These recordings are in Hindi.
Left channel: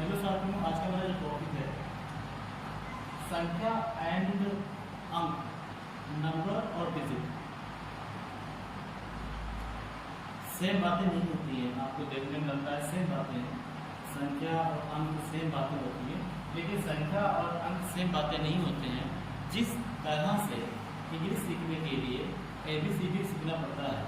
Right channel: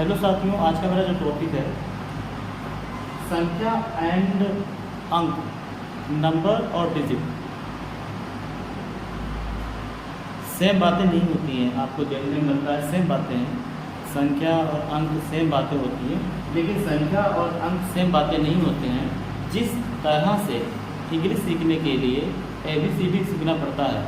हेलो साथियों, आज का मेरा जो टॉपिक है संख्या एंड अंक, नंबर और डिजिट। सेम बातें नहीं होती हैं, आपको देखने में लगता है सेम बातें हैं, संख्या और अंक सेम बातें होती हैं, लेकिन संख्या और अंक सेम बातें नहीं होते हैं। जिस तरह से इंग्लिश सीखने के लिए ABCD सीखना पड़ता है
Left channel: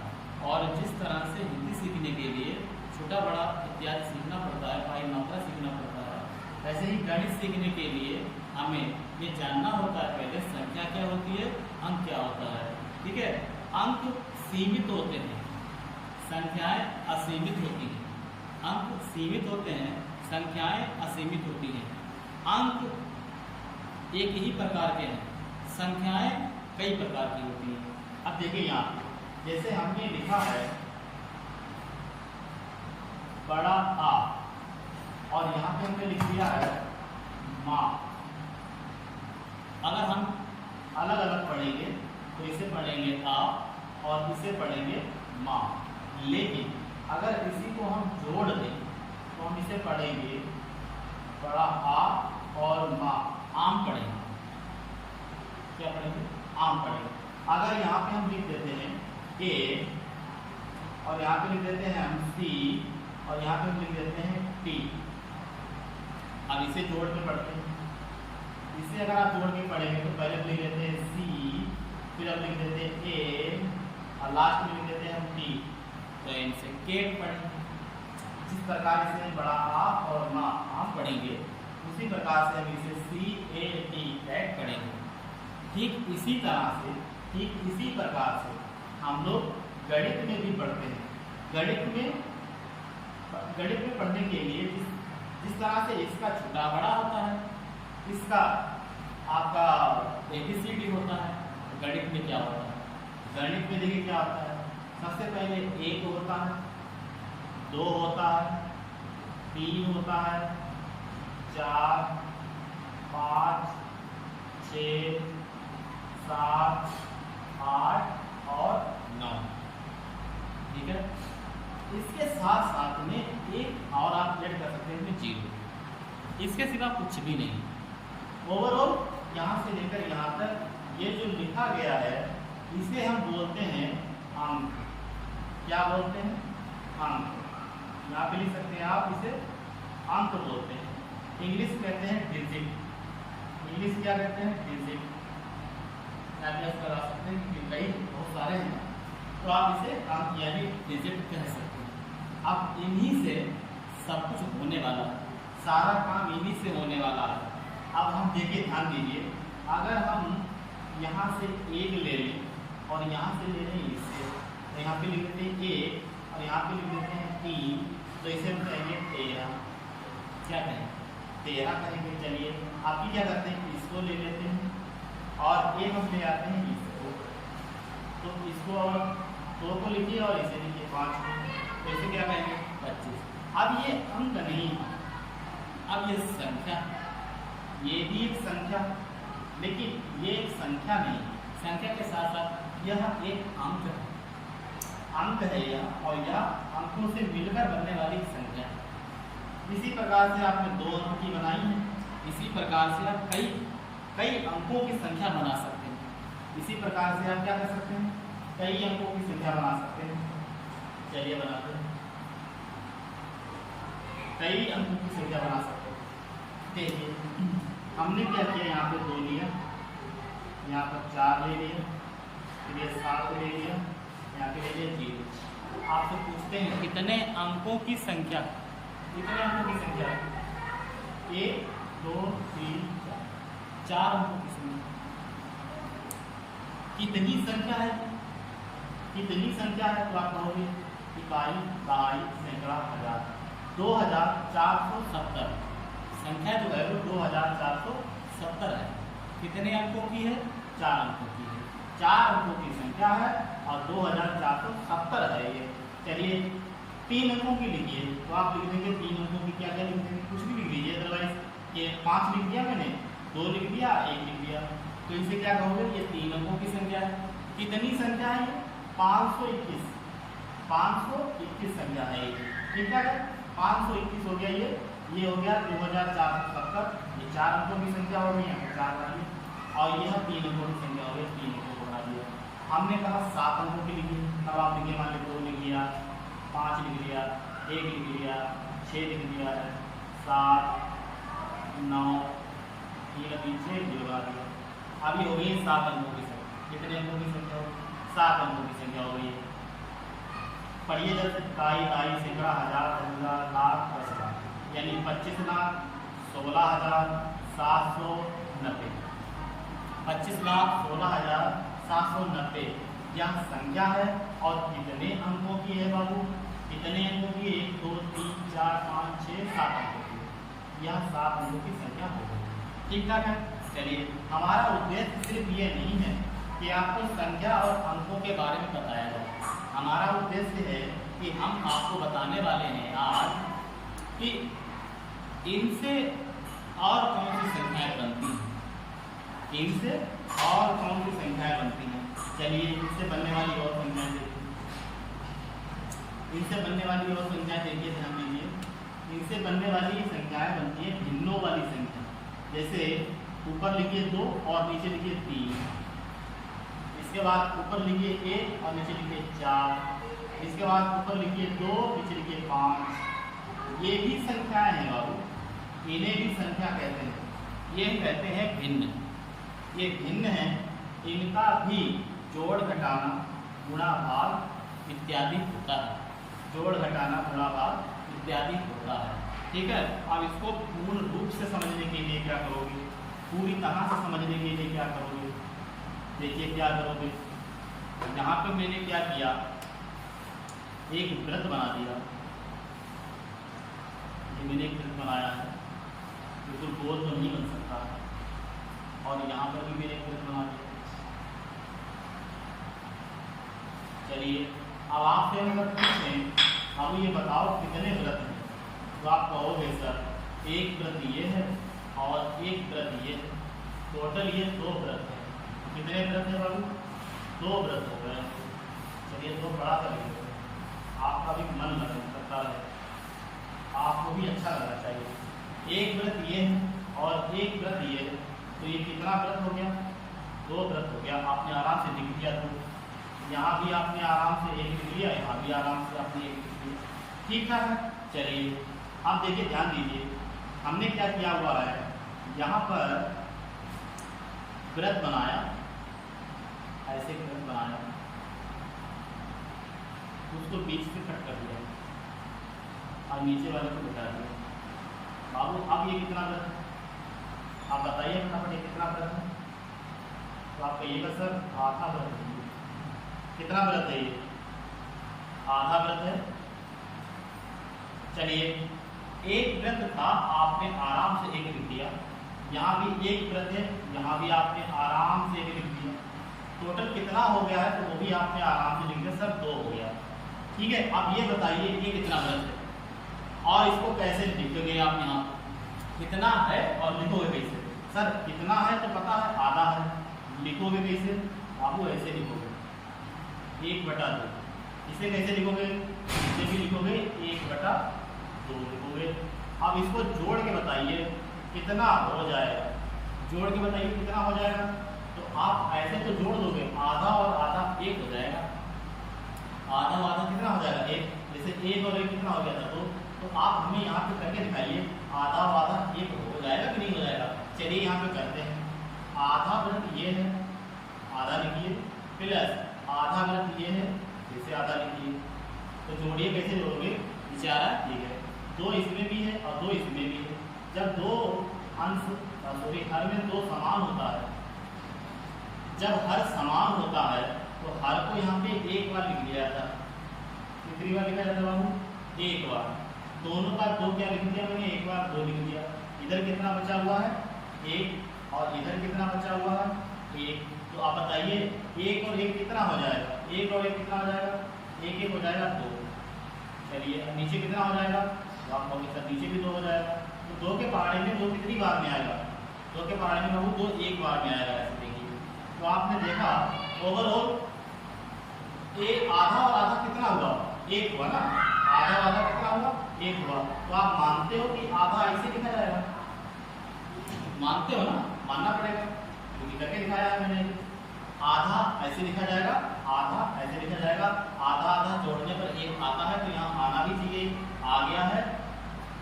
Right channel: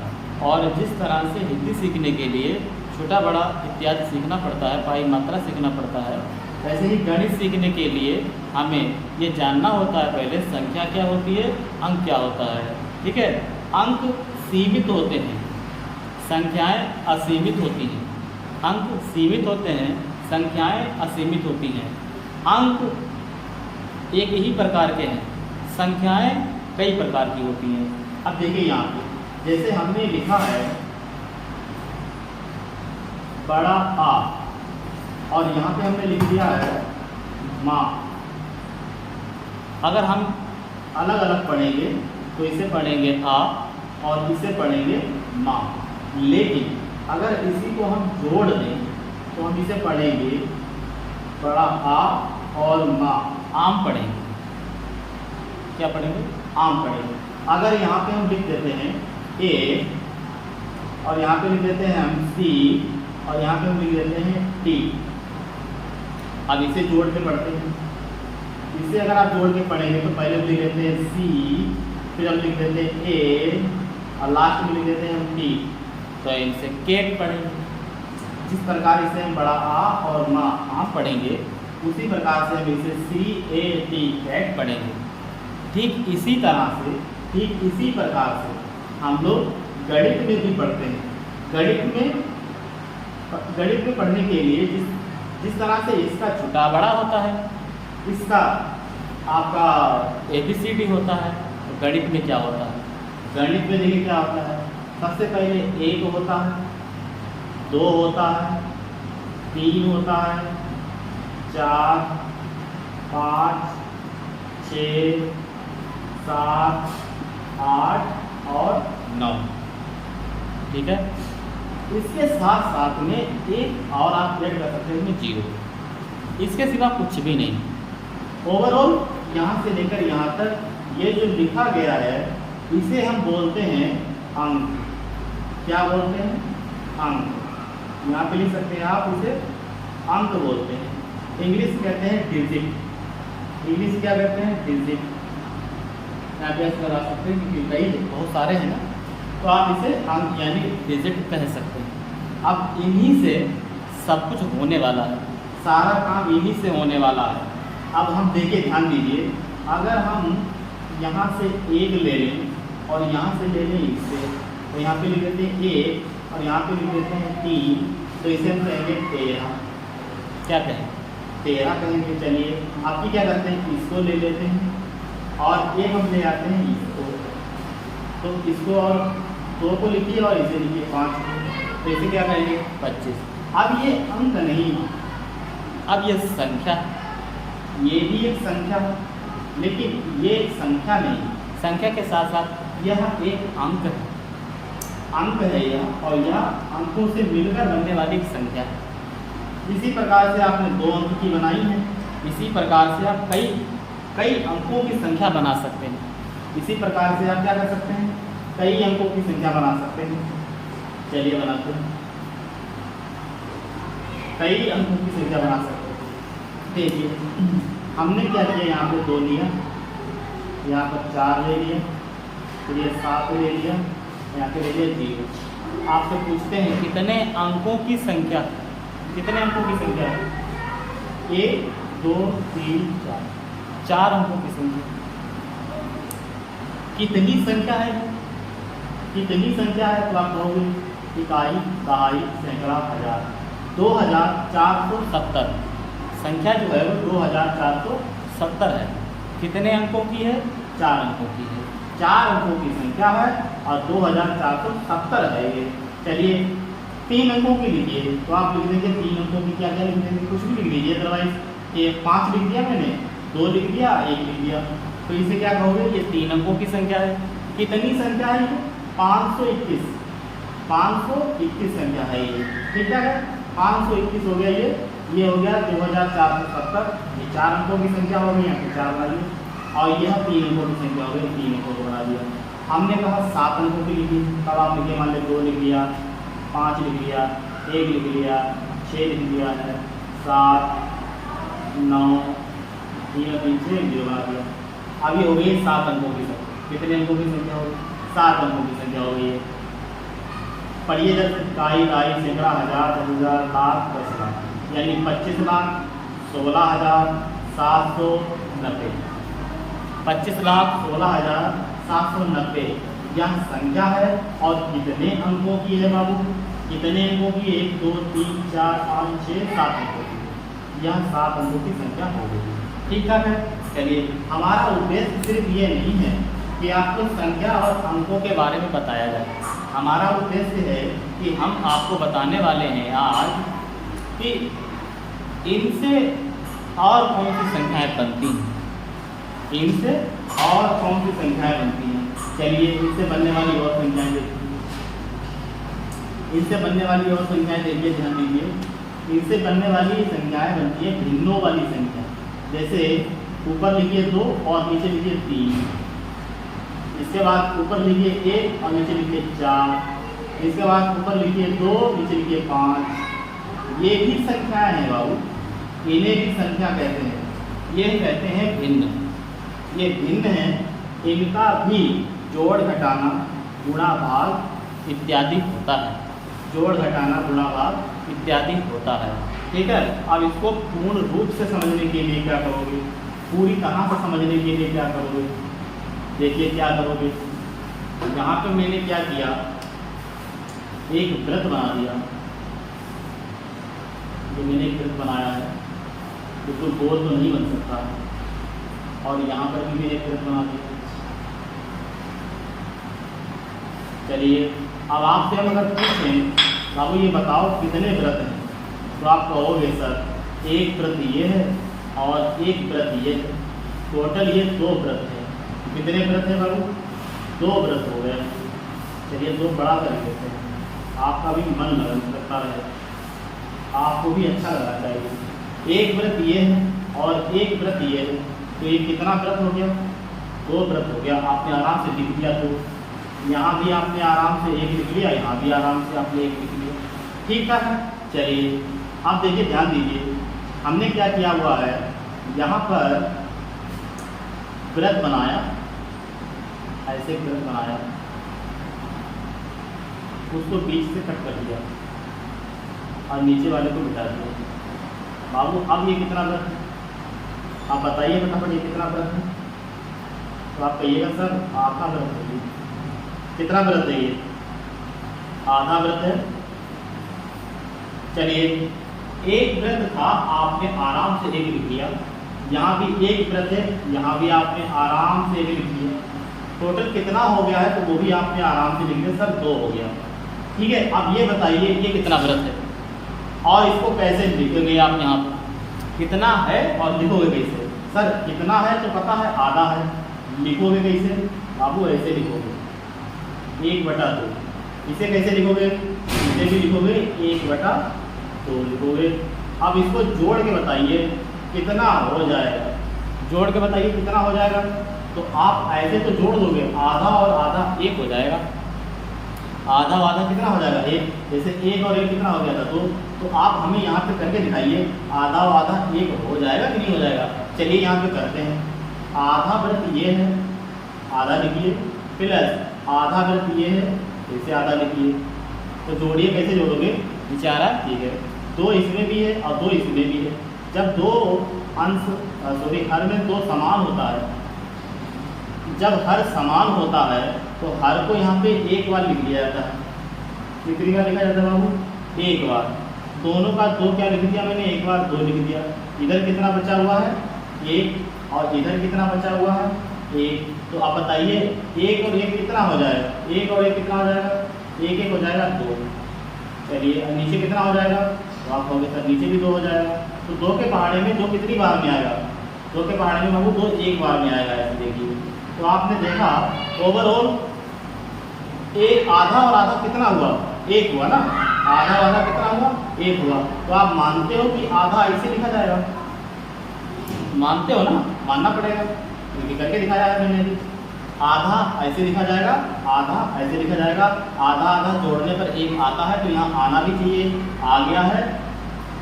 और जिस तरह से हिंदी सीखने के लिए छोटा बड़ा इत्यादि सीखना पड़ता है, पाई मात्रा सीखना पड़ता है, वैसे ही गणित सीखने के लिए हमें ये जानना होता है पहले संख्या क्या होती है, अंक क्या होता है। ठीक है, अंक सीमित होते हैं, संख्याएं असीमित होती हैं। अंक सीमित होते हैं, संख्याएं असीमित होती हैं। अंक एक ही प्रकार के हैं, संख्याएं कई प्रकार की होती हैं। अब देखिए यहाँ पे जैसे हमने लिखा है बड़ा आ और यहाँ पे हमने लिख दिया है माँ। अगर हम अलग अलग पढ़ेंगे तो इसे पढ़ेंगे आ और इसे पढ़ेंगे माँ, लेकिन अगर इसी को हम जोड़ दें तो हम इसे पढ़ेंगे बड़ा आ और माँ, आम पढ़ेंगे। क्या पढ़ेंगे? आम पढ़ेंगे। अगर यहाँ पे हम लिख देते हैं ए और यहाँ पे लिख देते हैं हम सी और यहाँ पे हम लिख देते हैं टी। अब इसे जोड़ के पढ़ते हैं। इसे अगर आप जोड़ के पढ़ेंगे तो पहले हम लिख देते हैं सी, फिर हम लिख देते हैं ए और लास्ट में लिख देते हैं हम टी, तो इनसे केट पढ़ेंगे। जिस प्रकार इसे हम बड़ा आ और माँ आम पढ़ेंगे, उसी प्रकार से हम इसे सी ए टी कैट पढ़ेंगे। ठीक इसी तरह से, ठीक इसी प्रकार से हम लोग गणित में भी पढ़ते हैं। गणित में पढ़ने के लिए जिस तरह से इसका छोटा बड़ा होता है, इसका आपका ABCD होता है, तो गणित में क्या होता है? गणित में देखिए क्या होता है। सबसे पहले 1 होता है, 2 होता है, 3 होता है, 4, 5, 6, 7, 8 और 9। ठीक है, इसके साथ साथ में एक और आप ऐड कर सकते हैं 0। इसके सिवा कुछ भी नहीं। ओवरऑल यहाँ से लेकर यहाँ तक ये जो लिखा गया है इसे हम बोलते हैं अंक। क्या बोलते हैं? अंक। यहाँ पे लिख सकते हैं आप, इसे अंक बोलते हैं। इंग्लिश कहते हैं डिजिट। इंग्लिश क्या कहते हैं? डिजिट। आप ऐसे लगा सकते हैं क्योंकि कई बहुत सारे हैं ना, तो आप इसे अंक यानी डिजिट कह सकते हैं। अब इन्हीं से सब कुछ होने वाला है, सारा काम इन्हीं से होने वाला है। अब हम देखिए, ध्यान दीजिए, अगर हम यहाँ से 1 ले लें और यहाँ से ले लें इससे, तो यहाँ पे लिख देते हैं 1 और यहाँ पे लिख देते हैं 3, तो इसे हम कहेंगे 13। क्या कहें? 13 कहेंगे। चलिए आप क्या करते हैं, इसको ले लेते हैं और एक हम ले आते हैं इसको, तो इसको और 2 को लिखिए और इसे लिखिए 5, तो इसे क्या करेंगे? 25। अब ये अंक नहीं, अब ये संख्या, ये भी एक संख्या है, लेकिन ये एक संख्या नहीं, संख्या के साथ साथ यह एक अंक है। अंक है यह, और यह अंकों से मिलकर बनने वाली एक संख्या है। इसी प्रकार से आपने 2 अंक की बनाई है, इसी प्रकार से आप कई अंकों की संख्या बना सकते हैं। इसी प्रकार से आप क्या कर सकते हैं? कई अंकों की संख्या बना सकते हैं। चलिए बनाते हैं। कई अंकों की संख्या बना सकते हैं। देखिए हमने क्या किया, यहाँ पे 2 लिया, यहाँ पर 4 ले लिया, फिर ये 7 ले लिया, यहाँ पे ले लिया 0। आपसे पूछते हैं कितने अंकों की संख्या, कितने अंकों की संख्या है? 1, 2, 3, 4, 4 अंकों की संख्या। कितनी संख्या है? कितनी संख्या है? तो आप कहोगे इकाई, दहाई, सैकड़ा, हजार। 2470 संख्या जो है वो 2470 है। कितने अंकों की है? 4 अंकों की है। 4 अंकों की संख्या है और 2470 है ये। चलिए 3 अंकों की लिखिए, तो आप लिख देंगे 3 अंकों की क्या क्या लिख देंगे? कुछ भी लिख दीजिए, अदरवाइज ये 5 लिख दिया मैंने, 2 लिख दिया, 1 लिख दिया, तो इसे क्या कहोगे? ये 3 अंकों की संख्या है। कितनी संख्या है ये? 521 संख्या है ये। ठीक है, 521 हो गया ये ये हो गया 2470, ये 4 अंकों की संख्या हो गई, यहाँ पे 4 बनाइए, और यह 3 अंकों की संख्या हो गई, 3 अंकों को बना दिया। हमने कहा 7 अंकों की लिखी, तब आप लिखिए, मान लीजिए 2 लिख लिया, 5 लिख लिया, 1 लिख लिया, 6 लिख लिया है, 7 9 3 3 6 0 बना दिया। अब ये हो गई 7 अंकों की संख्या। कितने अंकों की संख्या हो गई? 7 अंकों की संख्या हो गई है। पढ़िए जब इकाई, दाई, सैकड़ा, हज़ार, 10,000, लाख, 10 लाख, यानी 25 लाख 16,790। 25,16,790 यह संख्या है। और कितने अंकों की है बाबू? कितने अंकों की? 1 2 3 4 5 6 7 अंकों की। यह 7 अंकों की संख्या हो गई। ठीक ठाक है। चलिए, हमारा उद्देश्य सिर्फ ये नहीं है कि आपको संख्या और अंकों के बारे में बताया जाए। हमारा उद्देश्य है कि हम आपको बताने वाले हैं आज कि इनसे और कौन सी संख्याएं बनती हैं, इनसे और कौन सी संख्याएं बनती हैं। चलिए, इनसे बनने वाली और संख्याएं देखिए, इनसे बनने वाली और संख्याएं देखिए, ध्यान दीजिए। इनसे बनने वाली संख्याएं बनती है भिन्नों वाली संख्या। जैसे ऊपर लिखिए 2 और नीचे लिखिए 3, इसके बाद ऊपर लिखिए 1 और नीचे लिखिए 4, इसके बाद ऊपर लिखिए 2 नीचे लिखिए 5। ये भी संख्याएं हैं बाबू, इन्हें भी संख्या कहते हैं। ये कहते हैं भिन्न। ये भिन्न है, इनका भी जोड़ घटाना गुणा भाग इत्यादि होता है। जोड़ घटाना गुणा भाग इत्यादि होता है। ठीक है। अब इसको पूर्ण रूप से समझने के लिए क्या करोगे? पूरी तरह से समझने के लिए क्या करोगे? देखिए क्या करोगे। यहाँ पे मैंने क्या किया, एक वृत्त बना दिया। ये मैंने एक वृत्त बनाया है, बिल्कुल गोल तो नहीं बन सकता, और यहाँ पर भी मैंने एक वृत्त बना दिया। चलिए, अब आपसे हम अगर पूछें बाबू ये बताओ कितने व्रत हैं, तो आप कहोगे सर एक व्रत ये है और एक व्रत ये है, टोटल ये 2 व्रत है। कितने व्रत है बाबू? 2 व्रत हो गए। चलिए 2 बड़ा कर देते हैं, आपका भी मन लगता रहे, आपको भी अच्छा लगना चाहिए। एक व्रत ये है और एक व्रत ये है, तो ये कितना व्रत हो गया? 2 व्रत हो गया। आपने आराम से लिख दिया, तो यहाँ भी आपने आराम से 1 लिख लिया, यहाँ भी आराम से आपने 1 लिख लिया। ठीक है। चलिए, अब देखिए, ध्यान दीजिए, हमने क्या किया हुआ है, यहाँ पर व्रत बनाया, ऐसे व्रत बनाया, उसको बीच से कट कर दिया और नीचे वाले को मिटा दिया। बाबू अब ये कितना व्रत है? आप बताइए फटाफट, ये कितना व्रत है? तो आप कहिएगा सर आधा व्रत है। कितना व्रत है ये? आधा व्रत है। चलिए, एक व्रत था, आपने आराम से 1 लिख दिया, यहाँ भी एक व्रत है, यहाँ भी आपने आराम से 1 लिख दिया। टोटल कितना हो गया है? तो वो भी आपने आराम से लिख दिया, सर 2 हो गया। ठीक है। अब ये बताइए ये कितना व्रत है और इसको कैसे लिखोगे आप? यहाँ कितना है और लिखोगे कैसे? सर कितना है तो पता है, आधा है, लिखोगे कैसे? बाबू ऐसे लिखोगे 1/2। इसे कैसे लिखोगे? इसे भी लिखोगे 1/2 लिखोगे। अब इसको जोड़ के बताइए कितना हो जाएगा। जोड़ के बताइए कितना हो जाएगा। तो आप ऐसे तो जोड़ दोगे, आधा और आधा 1 हो जाएगा। आधा और आधा कितना हो जाएगा? 1। जैसे 1 और 1 कितना हो गया था? 2। तो आप हमें यहाँ पे करके दिखाइए, आधा और आधा 1 हो जाएगा कि नहीं हो जाएगा? चलिए यहाँ पे करते हैं। आधा व्रत ये है, आधा लिखिए, प्लस आधा व्रत ये है, इसे आधा लिखिए। तो जोड़िए, कैसे जोड़ोगे? बेचारा ठीक है, 2 इसमें भी है और 2 इसमें भी है। जब 2 अंश हर में 2 समान होता है, जब हर समान होता है तो हर को यहाँ पे 1 बार लिख लिया जाता है। कितनी बार लिखा जाता है बाबू? 1 बार। दोनों का 2 क्या लिख दिया मैंने? 1 बार 2 लिख दिया। इधर कितना बचा हुआ है? 1। और इधर कितना बचा हुआ है? 1। तो आप बताइए 1 और 1 कितना हो जाएगा? 1 और 1 कितना हो जाएगा? 1 हो जाएगा 2। चलिए, नीचे कितना हो जाएगा? तो आप कहोगे सर नीचे भी 2 हो जाएगा। तो 2 के पहाड़े में 2 कितनी बार में आएगा? 2 के पहाड़े में बाबू 2 1 बार में आएगा। ऐसे देखिए, तो आपने देखा ओवरऑल आधा और आधा कितना हुआ? 1 हुआ ना। आधा आधा कितना हुआ, 1 हुआ। तो आप मानते हो कि आधा ऐसे लिखा जाएगा, मानते हो ना, मानना पड़ेगा क्योंकि करके दिखाया है मैंने भी। आधा ऐसे लिखा जाएगा, आधा ऐसे लिखा जाएगा, आधा आधा जोड़ने पर 1 आता है, तो यहाँ आना भी चाहिए, आ गया है।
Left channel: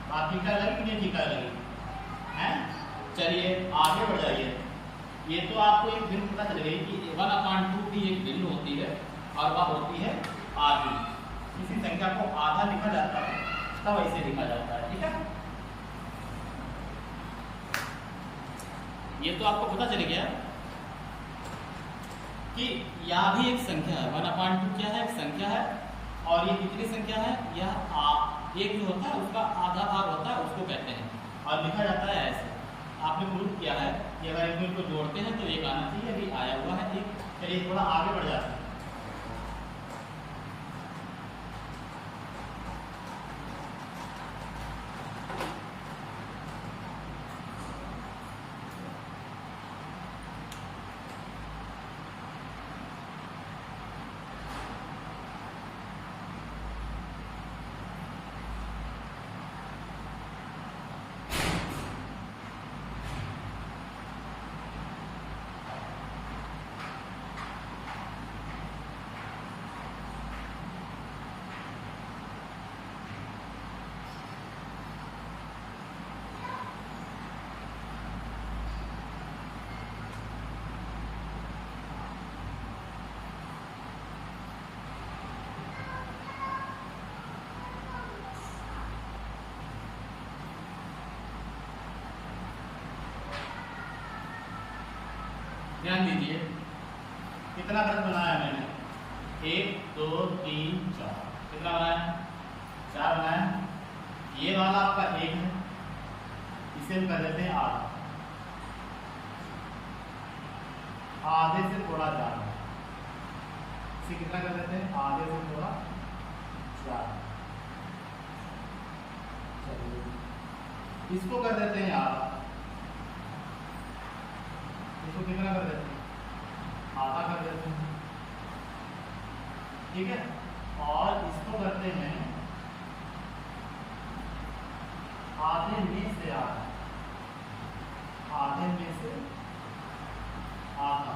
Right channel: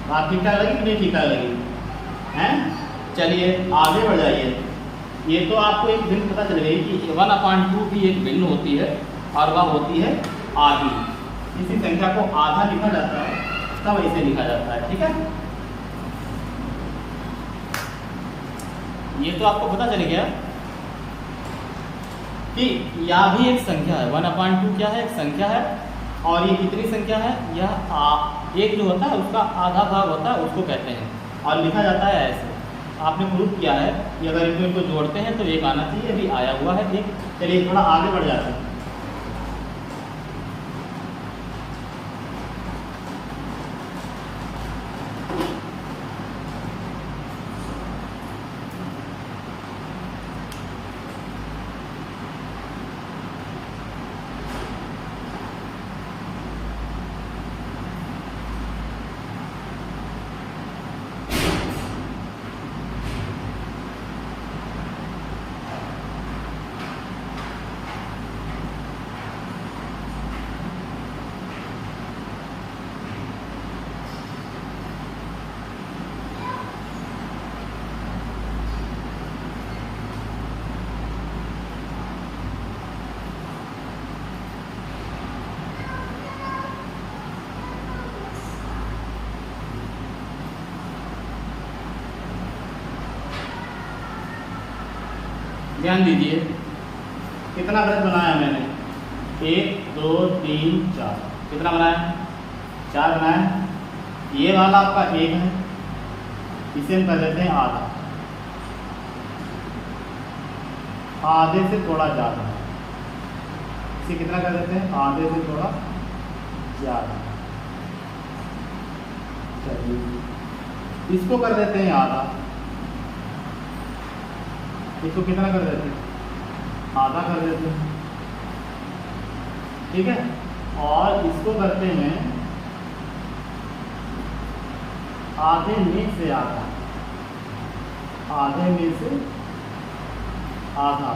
बात ठीक ठाक लगी कि नहीं ठीक ठाक लगी हैं? चलिए आगे बढ़ जाइए। ये तो आपको एक भिन्न पता चल गई कि 1/2 भी एक भिन्न होती है और वह होती है आधी। किसी संख्या को आधा लिखा जाता है तब ऐसे लिखा जाता है, ठीक है। ये तो आपको पता चल गया कि यह भी एक संख्या है। 1/2 क्या है, एक संख्या है। और ये कितनी संख्या है, यह एक जो होता है उसका आधा भाग होता है, उसको कहते हैं। और लिखा जाता है ऐसे। आपने प्रूफ किया है कि अगर इनको जोड़ते हैं तो 1 आना चाहिए, अभी आया हुआ है 1। चलिए थोड़ा आगे बढ़ जाते हैं। ध्यान दीजिए कितना वृत्त बनाया मैंने, 1 2 3 4। कितना बनाया, 4 बनाया। ये वाला आपका 1 है, इसे हम कर देते हैं आधा, आधे से थोड़ा ज़्यादा। इसे कितना कर देते हैं, आधे से थोड़ा ज़्यादा। चलिए इसको कर देते हैं आधा, इसको कितना कर देते हैं, आधा कर देते हैं, ठीक है। और इसको करते हैं आधे में से आधा, आधे में से आधा।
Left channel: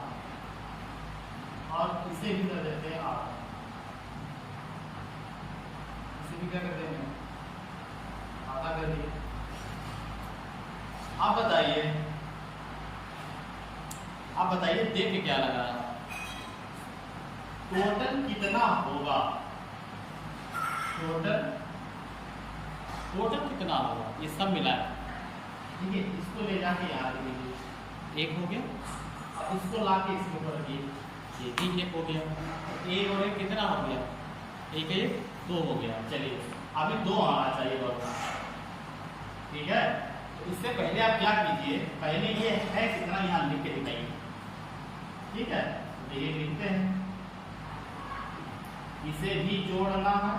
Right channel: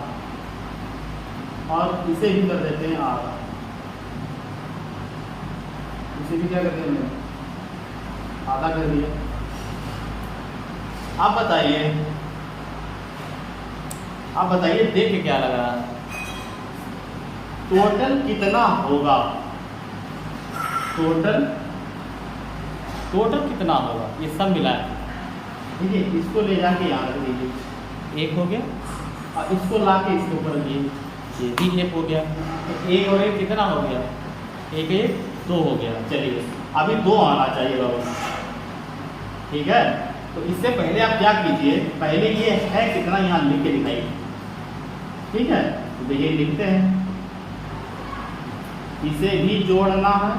और इसे भी कर देते हैं आधा, इसे भी क्या करते हैं, आधा कर दिया। आप बताइए देख के क्या लगा, टोटल कितना होगा, टोटल कितना होगा, ये सब मिला है, ठीक है। इसको ले जाके यहाँ रख दीजिए, 1 हो गया। और इसको ला के इसके ऊपर रखिए, ये भी 1 हो गया। तो 1 और 1 कितना हो गया, 1 1 2 हो गया। चलिए अभी 2 आना चाहिए बाबू, ठीक है। तो इससे पहले आप क्या कीजिए, पहले ये है कितना यहाँ लिख के दिखाइए, ठीक है। तो ये लिखते हैं, इसे भी जोड़ना है,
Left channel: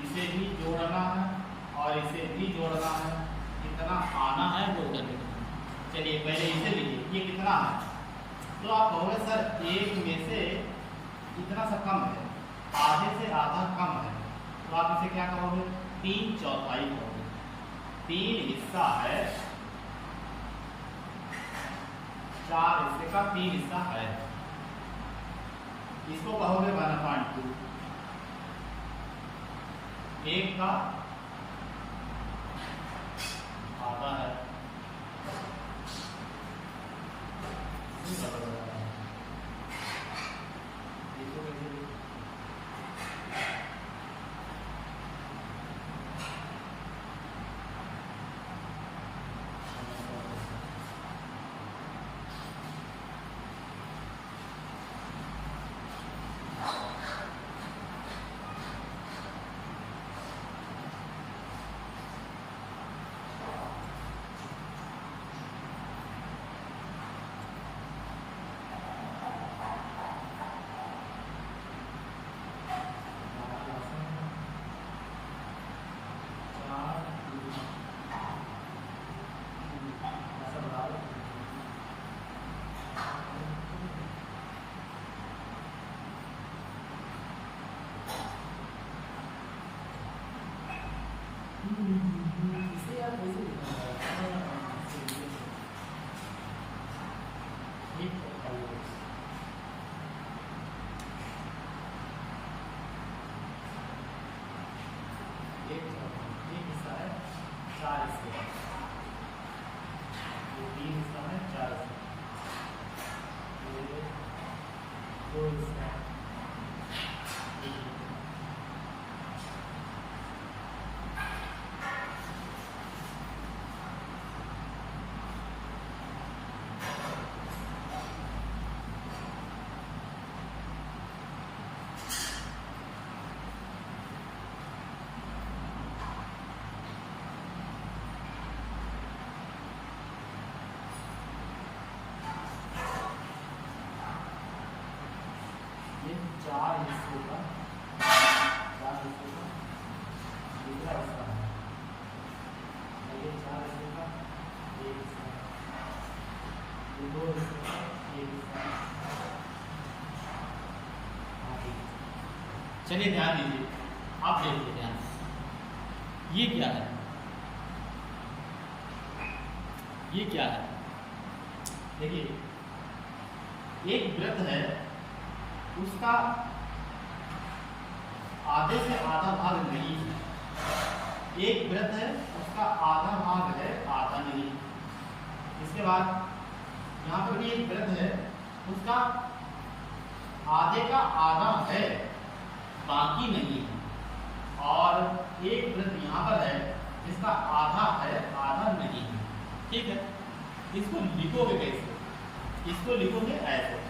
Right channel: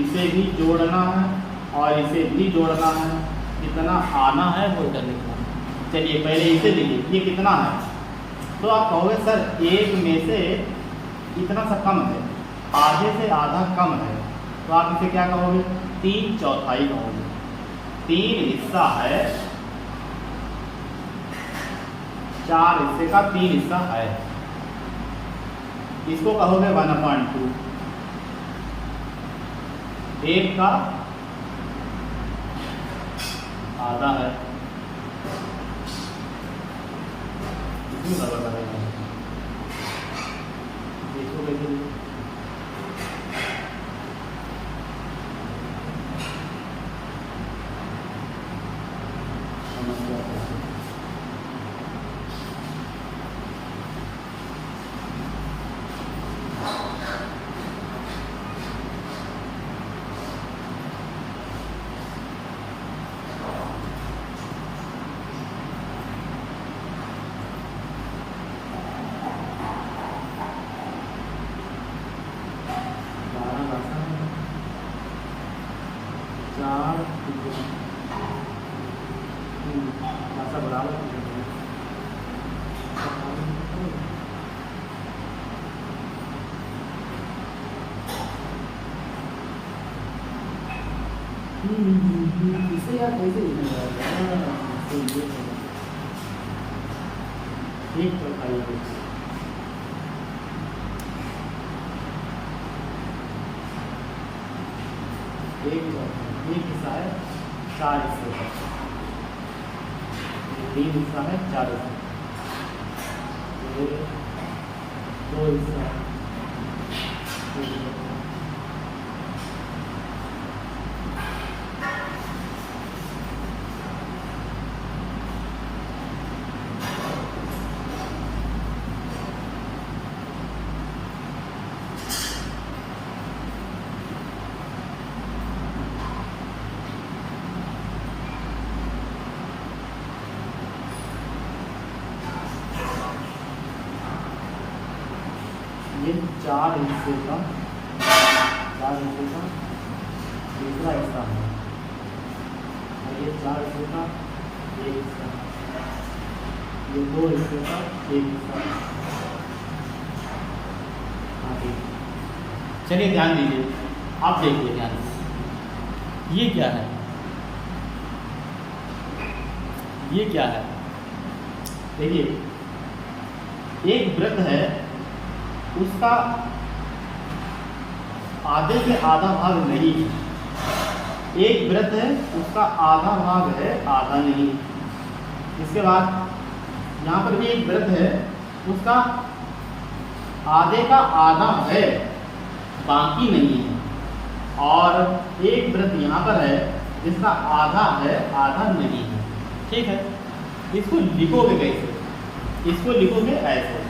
इसे भी जोड़ना है, और इसे भी जोड़ना है। कितना आना है वो इधर लिखना है। चलिए पहले इसे लिखिए, ये कितना है। तो आप कहोगे सर 1 में से इतना सा कम है, आधे से आधा कम है, तो आप इसे क्या कहोगे, 3/4 कहोगे। 3 हिस्सा है, 4 हिस्से का 3 हिस्सा है, इसको कहोगे 1/2। 1 का आधा है, इसमें गड़बड़ करेगा, इसको कैसे लिखो, इसे यार कैसे लिखेंगे? एक चौथाई एक हिस्सा है 4 हिस्से का, 3 हिस्सा है 4 हिस्सा, 2 हिस्सा है। ये 4 हिस्से का दूसरा हिस्सा है, और ये 4 हिस्से का एक हिस्सा, ये 2 हिस्से का एक हिस्सा। चलिए ध्यान दीजिए, आप देखिए ध्यान से, ये क्या है, ये क्या है? देखिए, एक वृत्त है, उसका आधे से आधा भाग नहीं है। एक वृत्त है, उसका आधा भाग है, आधा नहीं। इसके बाद यहाँ पर भी एक वृत्त है, उसका आधे का आधा है, बाकी नहीं है। और एक वृत्त यहाँ पर है, जिसका आधा है, आधा नहीं है। ठीक है, इसको लिखोगे कैसे? इसको लिखोगे ऐसे,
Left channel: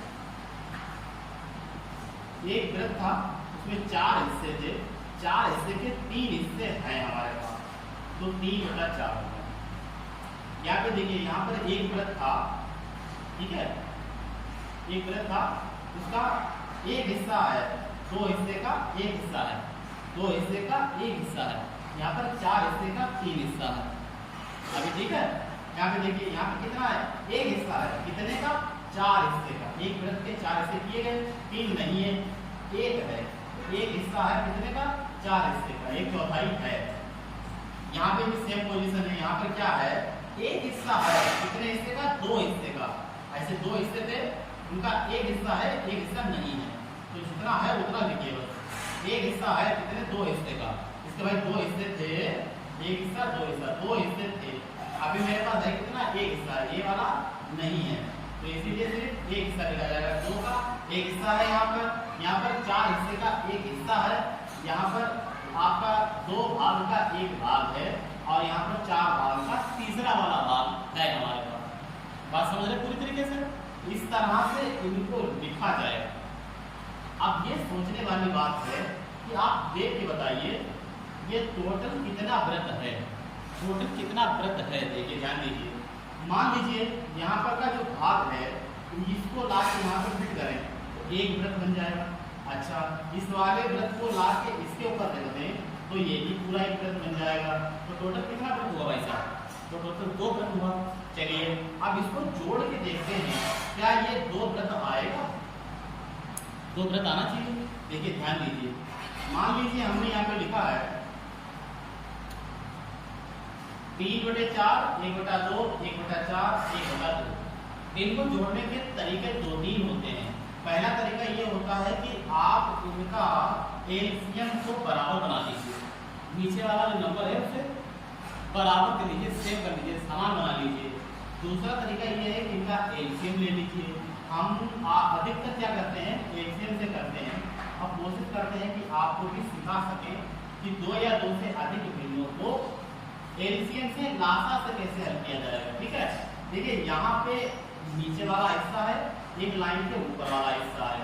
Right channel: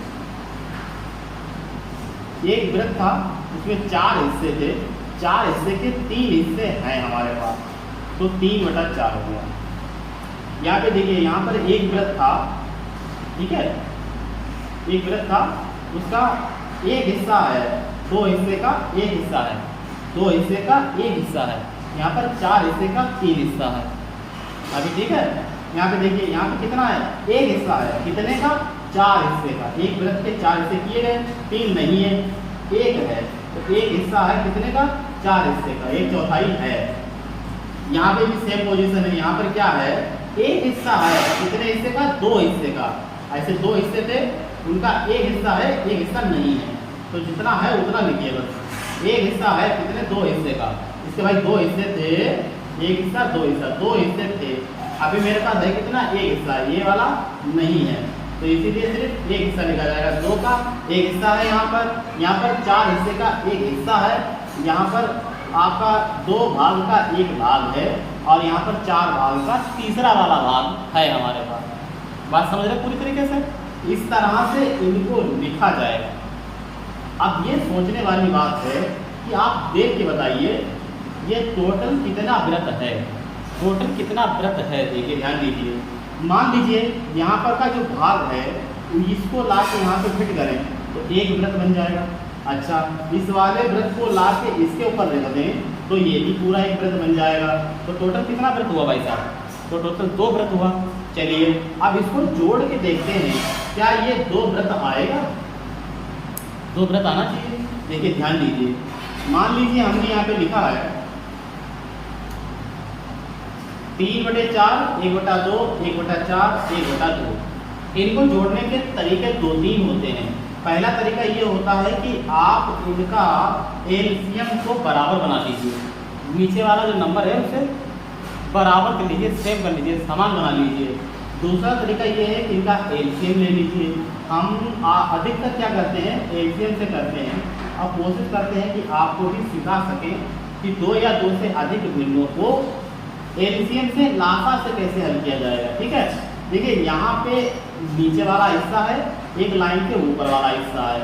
एक वृत्त था, उसमें 4 हिस्से थे, 4 हिस्से के 3 हिस्से हैं हमारे पास, तो 3/4 हो गया। यहाँ पे देखिए, यहाँ पर एक वृत्त था, ठीक है, एक वृत्त था, उसका एक हिस्सा है, 2 हिस्से का एक हिस्सा है, 2 हिस्से का एक हिस्सा है। यहाँ पर 4 हिस्से का 3 हिस्सा है। अभी ठीक है, यहाँ पे देखिए, यहाँ पे कितना है? एक हिस्सा है, कितने का? 4 हिस्से का। एक वृत्त के 4 हिस्से किए गए, 3 नहीं है, एक है, तो एक हिस्सा है कितने का? 4 हिस्से का, 1/4 है। यहाँ पे भी सेम पोजीशन है, यहाँ पर क्या है? एक हिस्सा है, कितने हिस्से का? 2 हिस्से का। ऐसे 2 हिस्से थे, उनका एक हिस्सा है, एक हिस्सा नहीं है, तो जितना है उतना लिखिए बस। एक हिस्सा है कितने? 2 हिस्से का। इसके भाई 2 हिस्से थे, एक हिस्सा 2 हिस्सा, 2 हिस्से थे। अभी मेरे पास है कितना? एक हिस्सा, ये वाला नहीं है, तो इसीलिए सिर्फ एक हिस्सा लिखा जाएगा। 2 का एक हिस्सा है यहाँ पर 4 हिस्से का एक हिस्सा है, यहाँ पर आपका 2 भाग का एक भाग है, और यहाँ पर 4 भाग का तीसरा वाला भाग है हमारे पास। बात समझ रहे पूरी तरीके से? इस तरह से इनको लिखा जाएगा। अब ये सोचने वाली बात है कि आप देख के बताइए, ये टोटल कितना वृत्त है, टोटल कितना वृत्त है? देखिए ध्यान दीजिए, मान लीजिए यहाँ पर का जो भाग है, इसको ला के यहाँ पे फिट करें तो एक वृत्त बन जाएगा। अच्छा, इस वाले वृत्त को ला के इसके ऊपर रख दें तो ये भी पूरा एक वृत्त बन जाएगा। तो टोटल कितना वृत्त हुआ भाई साहब? तो टोटल 2 वृत्त हुआ। चलिए अब इसको जोड़ के देखते हैं, क्या ये 2 वृत्त आएगा? 2 वृत्त आना चाहिए। देखिए ध्यान दीजिए, मान लीजिए हमने यहाँ पे लिखा है 3/4, 1/2, 1/4, 1/2। इनको जोड़ने के तरीके 2-3 होते हैं। पहला तरीका ये होता है कि आप इनका एलसीएम को बराबर बना दीजिए, नीचे वाला जो नंबर है उसे बराबर कर लीजिए, सेम कर लीजिए, समान बना लीजिए। दूसरा तरीका ये है कि इनका एलसीएम ले लीजिए। हम अधिकतर क्या करते हैं? एलसीएम से करते हैं। अब कोशिश करते हैं कि आपको भी सिखा सकें कि 2 या 2 से अधिक भिन्नों को एलसीएम से लासा से कैसे हल किया जाएगा। ठीक है, देखिए यहाँ पे नीचे वाला हिस्सा है, एक लाइन के ऊपर वाला हिस्सा है,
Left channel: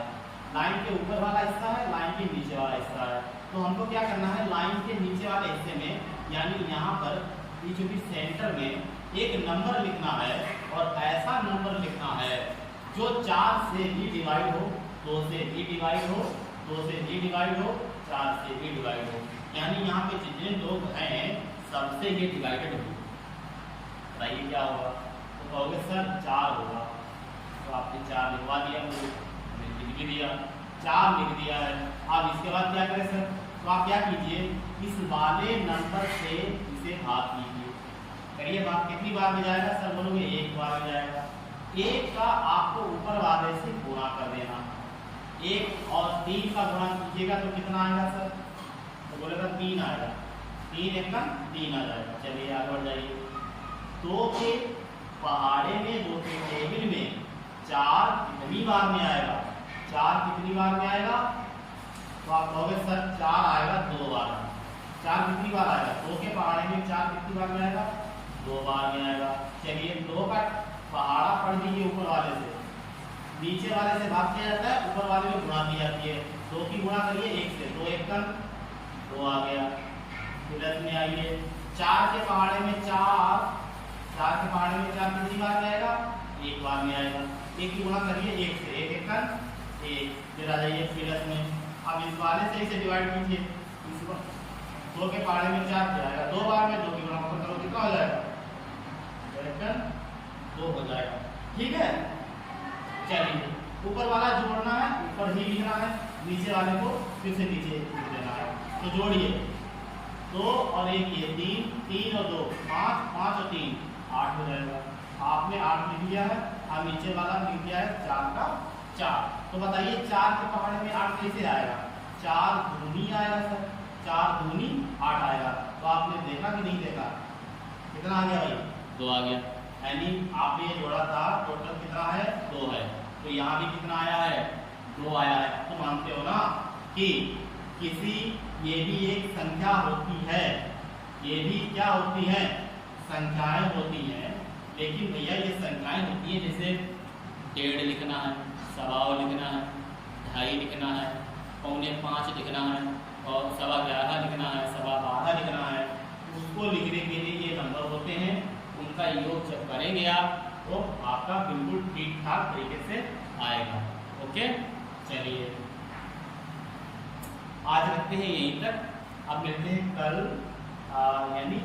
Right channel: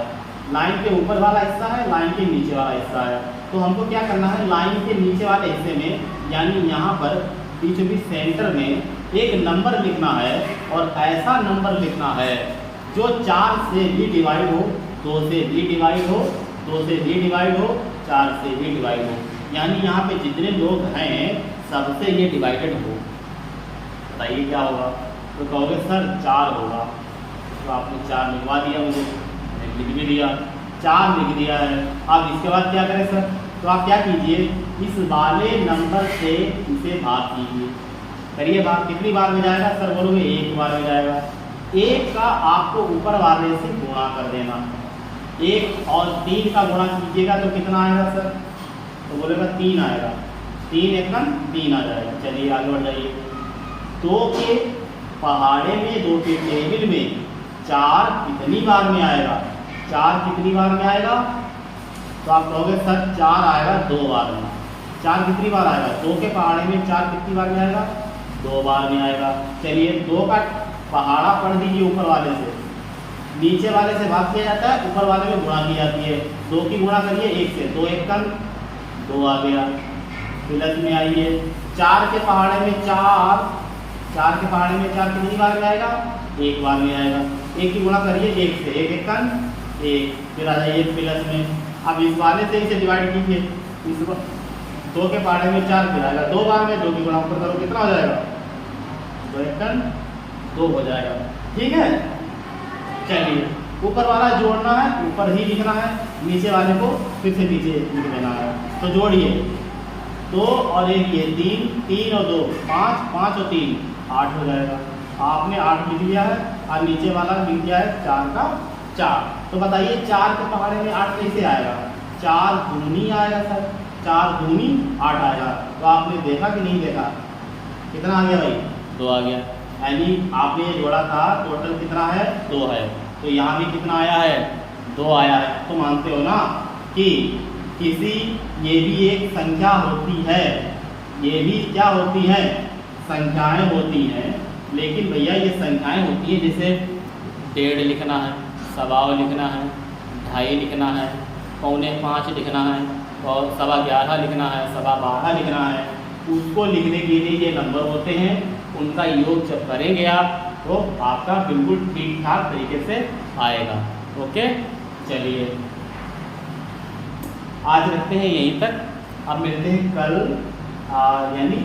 लाइन के ऊपर वाला हिस्सा है, लाइन के नीचे वाला हिस्सा है। तो हमको क्या करना है? लाइन के नीचे वाले हिस्से में, यानी यहाँ पर बीचों बीच सेंटर में एक नंबर लिखना है, और ऐसा नंबर लिखना है जो 4 से भी डिवाइड हो, 2 से भी डिवाइड हो, 2 से भी डिवाइड हो, 4 से भी डिवाइड हो। यानी यहाँ पे जितने लोग हैं सबसे ये डिवाइडेड हो। बताइए क्या होगा? तो कहोगे सर 4 होगा, तो आपने 4 लिखवा दिया, मुझे मैंने लिख भी दिया, 4 लिख दिया है। अब इसके बाद क्या करें सर? तो आप क्या कीजिए, इस वाले नंबर से इसे भाग कीजिए। करिए भाग, कितनी बार में जाएगा सर बोलोगे? एक बार में जाएगा। एक का आपको ऊपर वाले से गुणा कर देना, एक और 3 का गुणा कीजिएगा तो कितना आएगा सर? तो बोलेगा 3 आएगा, 3 एकम 3 आ जाएगा। चलिए आगे बढ़ जाइए। 2 के पहाड़े में 2 के टेबल में 4 कितनी बार में आएगा? 4 कितनी बार में आएगा? तो आप कहोगे सर 4 आएगा 2 बार में। 4 कितनी बार आएगा? 2 के पहाड़े में 4 कितनी बार में आएगा? 2 बार में आएगा। चलिए 2 का पहाड़ा पढ़ दीजिए ऊपर वाले से, नीचे वाले से भाग किया जाता है, ऊपर वाले में गुणा की जाती है। 2 की गुणा करिए 1 से, 2 एक कम 2 आ गया। प्लस में आइए 4 के पहाड़े में 4 के पहाड़े में 4 कितनी बार में आएगा? 1 बार में आएगा। 1 की गुणा करिए 1 से, 1 एक कम 1, फिर आ जाइए प्लस में। अब इस वाले से इसे डिवाइड कीजिए, इस 2 के पहाड़े में 4 फिर आएगा 2 बार में, 2 की गुणा ऊपर करो कितना हो जाएगा? 2 एक कम 2 हो जाएगा। ठीक है, चलिए ऊपर वाला जोड़ना है, ऊपर ही लिखना है, नीचे वाले को फिर से नीचे लिख देना है। तो जोड़िए 2 और 1 ये 3, 3 और 2 5, 5 और 3 8 हो जाएगा। आपने 8 लिख लिया है और नीचे वाला लिख दिया है 4 का 4। तो बताइए 4 के पहाड़े में 8 कैसे आएगा? 4 दूनी आएगा सर, 4 दूनी 8 आएगा। तो आपने देखा कि नहीं देखा? कितना आ गया भाई? 2 आ गया। यानी आपने ये जोड़ा था, टोटल कितना है? 2 है। तो यहाँ भी कितना आया है? 2 आया है। तो मानते हो ना कि किसी, ये भी एक संख्या होती है, ये भी क्या होती है? संख्याएं होती हैं। लेकिन भैया ये संख्याएं होती हैं, जैसे 1.5 लिखना है, 1.25 लिखना है, 2.5 लिखना है, 4.25 लिखना है और 11.25 लिखना है, 12.25 लिखना है। उसको लिखने के लिए ये नंबर होते हैं, उनका योग जब करेंगे आप तो आपका बिल्कुल ठीक ठाक तरीके से आएगा। ओके, चलिए आज रखते हैं यहीं तक। अब मिलते हैं कल, यानी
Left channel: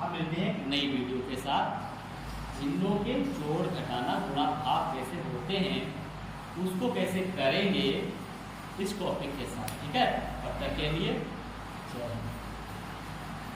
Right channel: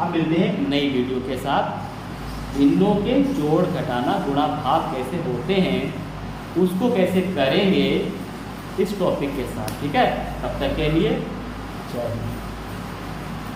अब मिलते हैं नई वीडियो के साथ। भिन्नों के जोड़ घटाना गुणा भाग कैसे होते हैं उसको कैसे करेंगे इस टॉपिक के साथ। ठीक है, तब तक के लिए जय हिंद।